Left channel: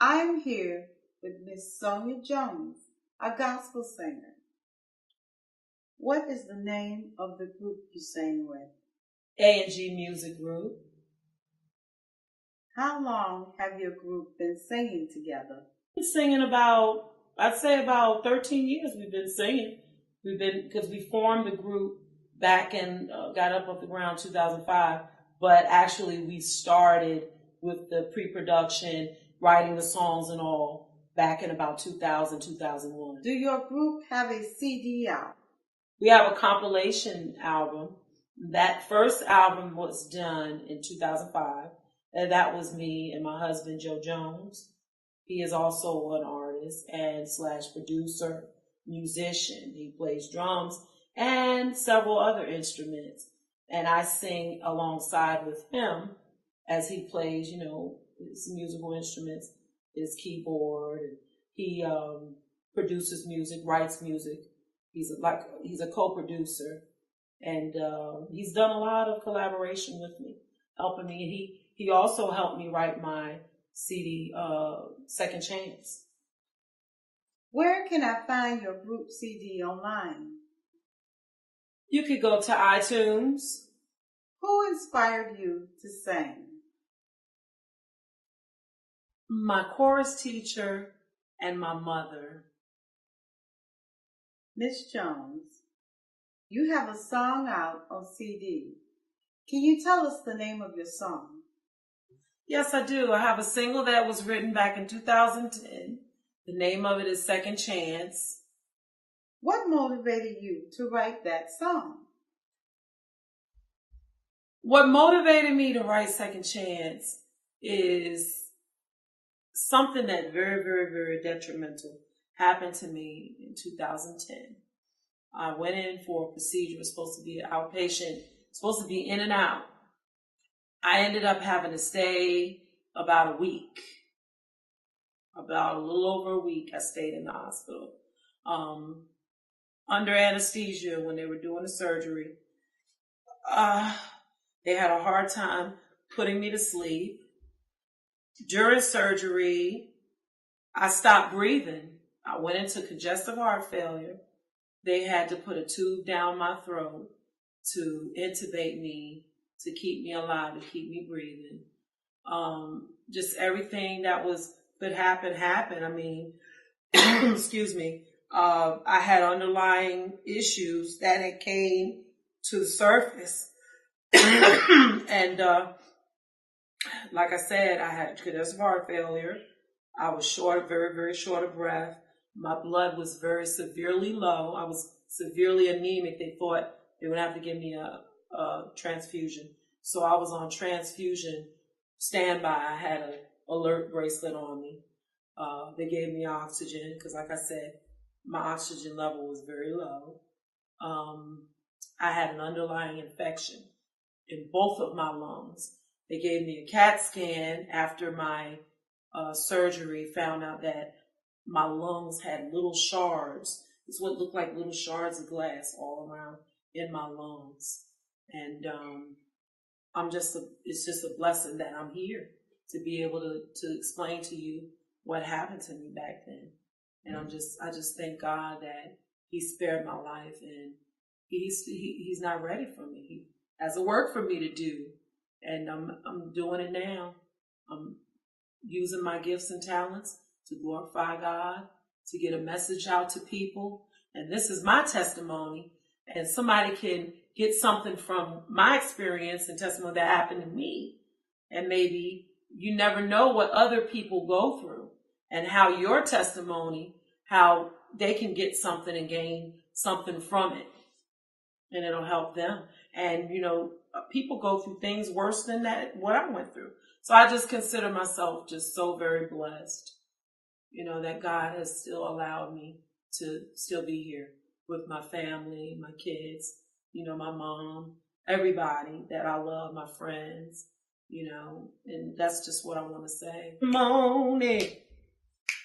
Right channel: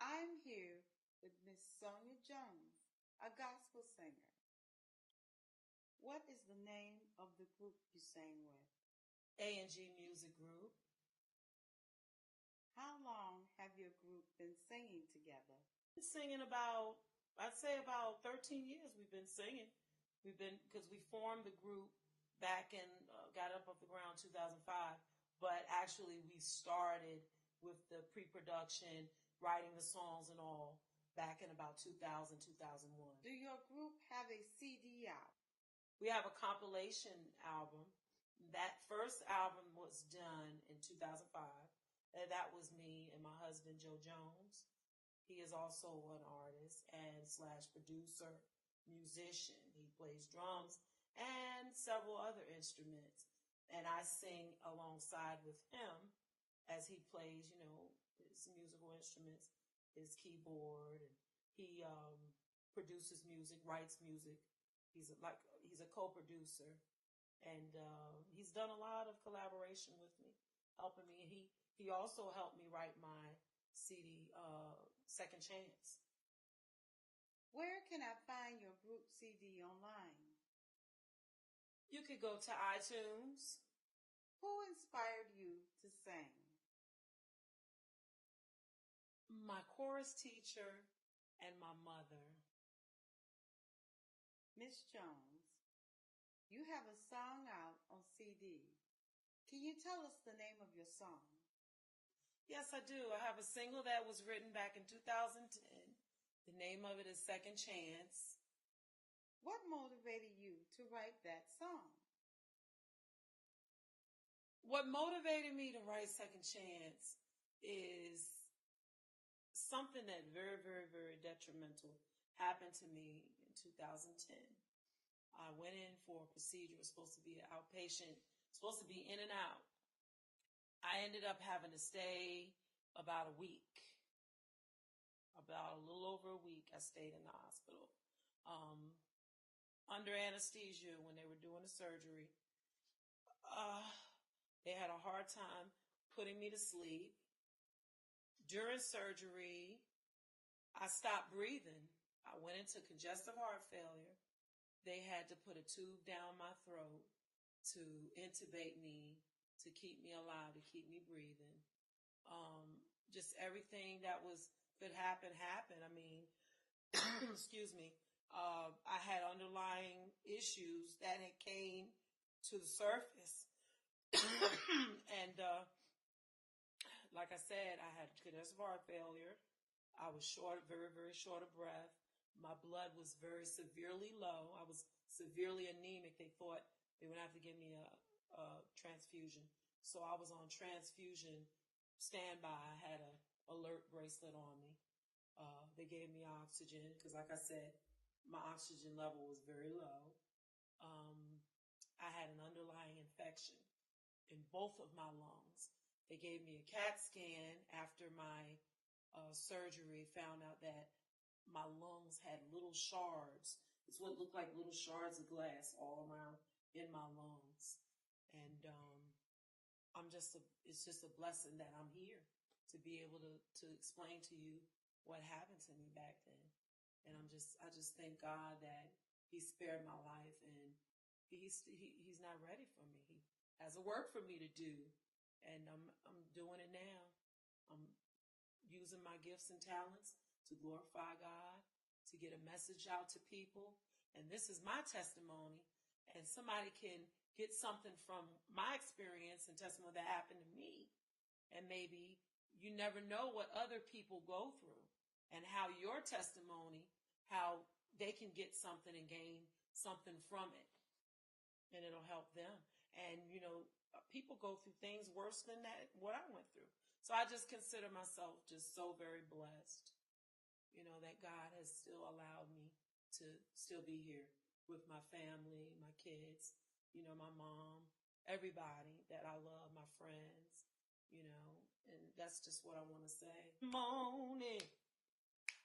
I'm here with Miss Sonya Jones, a gospel singer. What is the name of the group you sing with? A&G Music Group. How long have your group been singing together? We've been singing I'd say about 13 years we've been singing. Because we formed the group back and got up off the ground 2005, but actually we started with the pre-production, writing the songs and all back in about 2000, 2001. Do your group have a CD out? We have a compilation album. That first album was done in 2005. And that was me and my husband, Joe Jones. He is also an artist and / producer, musician. He plays drums and several other instruments. And I sing alongside with him as he plays, his musical instruments, his keyboard. And he produces music, writes music. He's a co-producer. And he's done a lot of collaboration with me, helping me. And he also helped me write my CD, Second Chance. Where can I find your group CD online? You could go to iTunes. Who inspired you to sing? My chorus teacher and my mother. Miss Jones, you have a song out on CD. Can you tell us the name of your song? Yes, I do. I have a single that was written back in 2010. The name of it is Second Chance. What motivated you to write that song? What motivated me to write Second Chance is something that very, very, very detrimental happened to me in 2010. I went in for a procedure. It was supposed to be an outpatient, supposed to be in and out. I ended up having to stay about a week. About a little over a week, I stayed in the hospital. Under anesthesia when they were doing the surgery. They had a hard time putting me to sleep. During surgery, I stopped breathing. I went into congestive heart failure. They had to put a tube down my throat to intubate me, to keep me alive, to keep me breathing. Just everything that could happen, happened. I mean, excuse me. I had underlying issues that had came to the surface. And like I said, I had congestive heart failure. I was very, very short of breath. My blood was very severely low. I was severely anemic. They thought they would have to give me a transfusion. So I was on transfusion standby. I had an alert bracelet on me. They gave me oxygen because, like I said, my oxygen level was very low. I had an underlying infection in both of my lungs. They gave me a CAT scan after my surgery, found out that my lungs had little shards. It's what looked like little shards of glass all around in my lungs. And it's just a blessing that I'm here to be able to explain to you what happened to me back then. And I just thank God that He spared my life, and He's not ready for me. He has a work for me to do, and I'm doing it now. I'm using my gifts and talents to glorify God, to get a message out to people. And this is my testimony, and somebody can get something from my experience and testimony that happened to me. And maybe you never know what other people go through and how your testimony, how they can get something and gain something from it. And it'll help them. And, people go through things worse than what I went through. So I just consider myself just so very blessed, that God has still allowed me to still be here with my family, my kids, my mom, everybody that I love, my friends, and that's just what I want to say. Morning,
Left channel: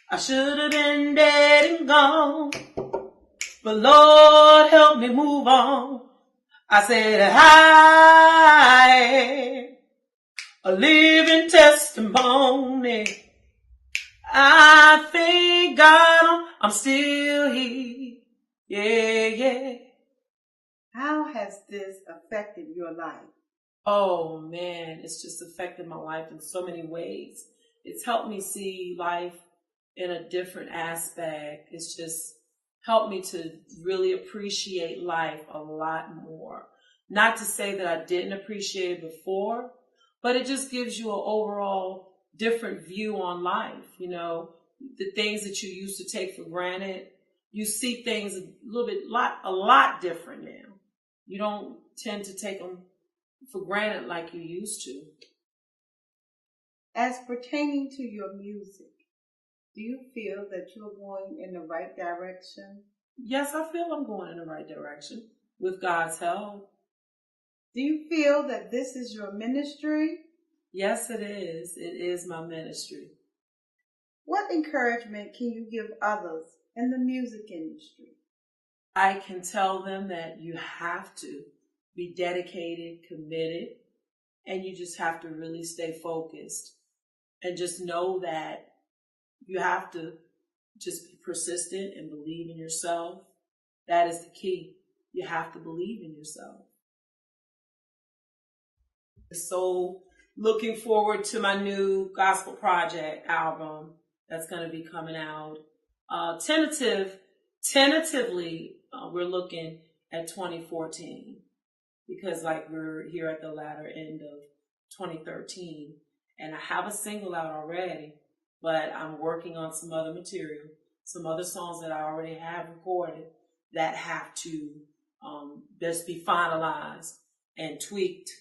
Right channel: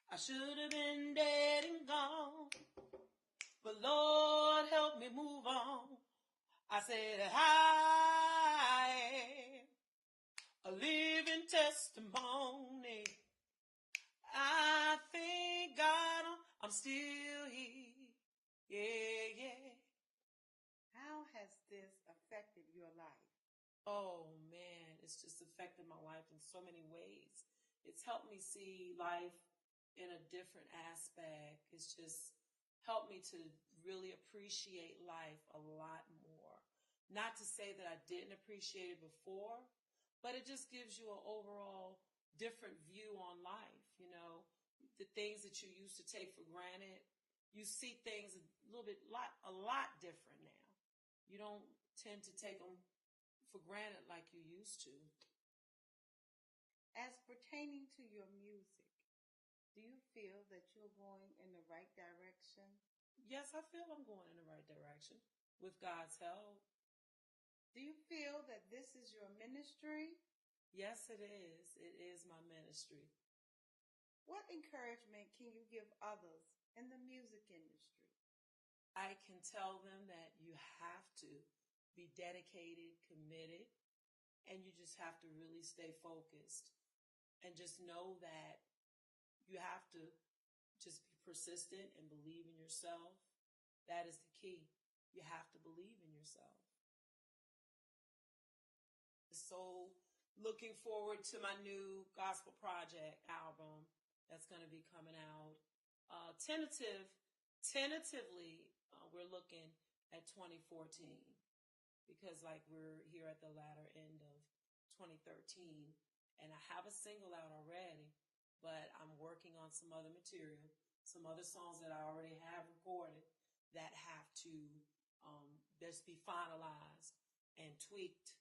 I should have been dead and gone, but Lord help me move on. I said, I am a living testimony. I thank God I'm still here. Yeah, yeah. How has this affected your life? Oh man, it's just affected my life in so many ways. It's helped me see life in a different aspect. It's just helped me to really appreciate life a lot more. Not to say that I didn't appreciate it before, but it just gives you an overall different view on life. You know, the things that you used to take for granted, you see things a lot different now. You don't tend to take them for granted like you used to. As pertaining to your music, do you feel that you're going in the right direction? Yes, I feel I'm going in the right direction with God's help. Do you feel that this is your ministry? Yes, it is. It is my ministry. What encouragement can you give others in the music industry? I can tell them that you have to be dedicated, committed, and you just have to really stay focused and just know that you have to just be persistent and believe in yourself. That is the key. You have to believe in yourself. So looking forward to my new gospel project album that's going to be coming out. Tentatively, we're looking at 2014 because like we're here at the latter end of 2013 and I have a single out already, but I'm working on some other material, some other songs that I already have recorded that have to just be finalized and tweaked,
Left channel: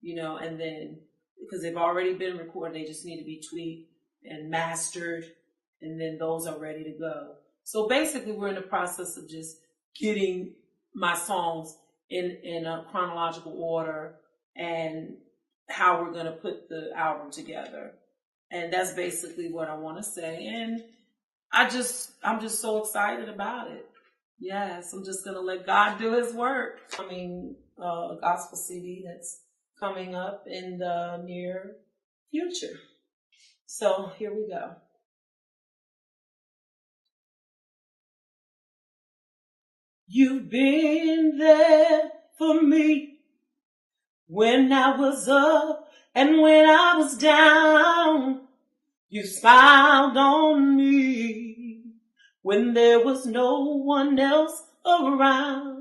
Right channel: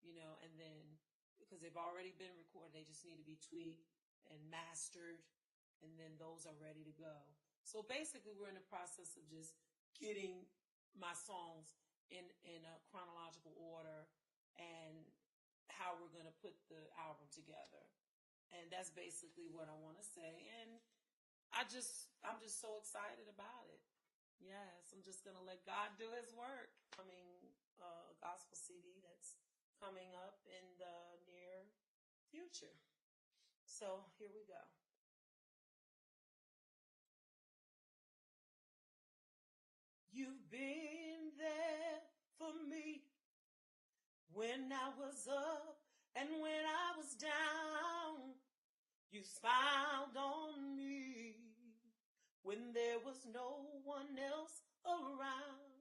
you know, and then because they've already been recorded, they just need to be tweaked and mastered, and then those are ready to go. So basically, we're in the process of just getting my songs in a chronological order and how we're going to put the album together. And that's basically what I want to say. And I'm just so excited about it. Yes, I'm just going to let God do his work. I mean, a gospel CD that's coming up in the near future. So here we go. You've been there for me when I was up and when I was down. You smiled on me when there was no one else around.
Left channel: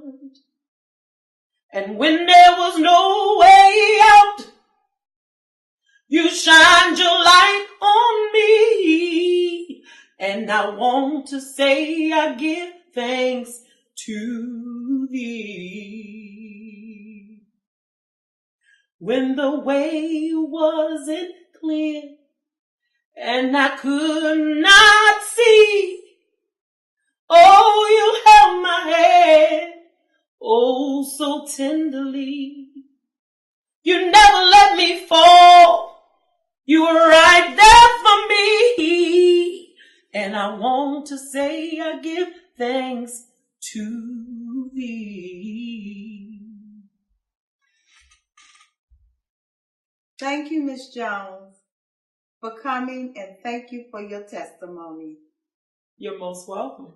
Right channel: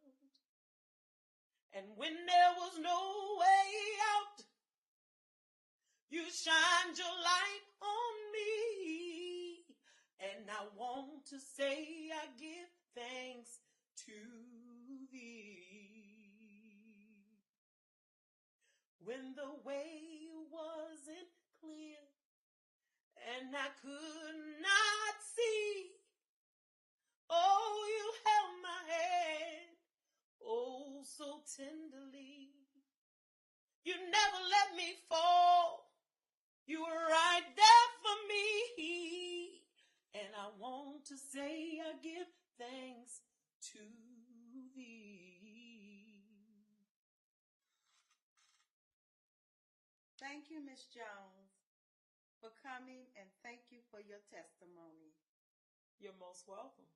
And when there was no way out, you shined your light on me. And I want to say I give thanks to thee. When the way wasn't clear and I could not see, oh, you held my hand, oh, so tenderly. You never let me fall. You were right there for me. And I want to say I give thanks to thee. Thank you, Miss Jones, for coming, and thank you for your testimony. You're most welcome.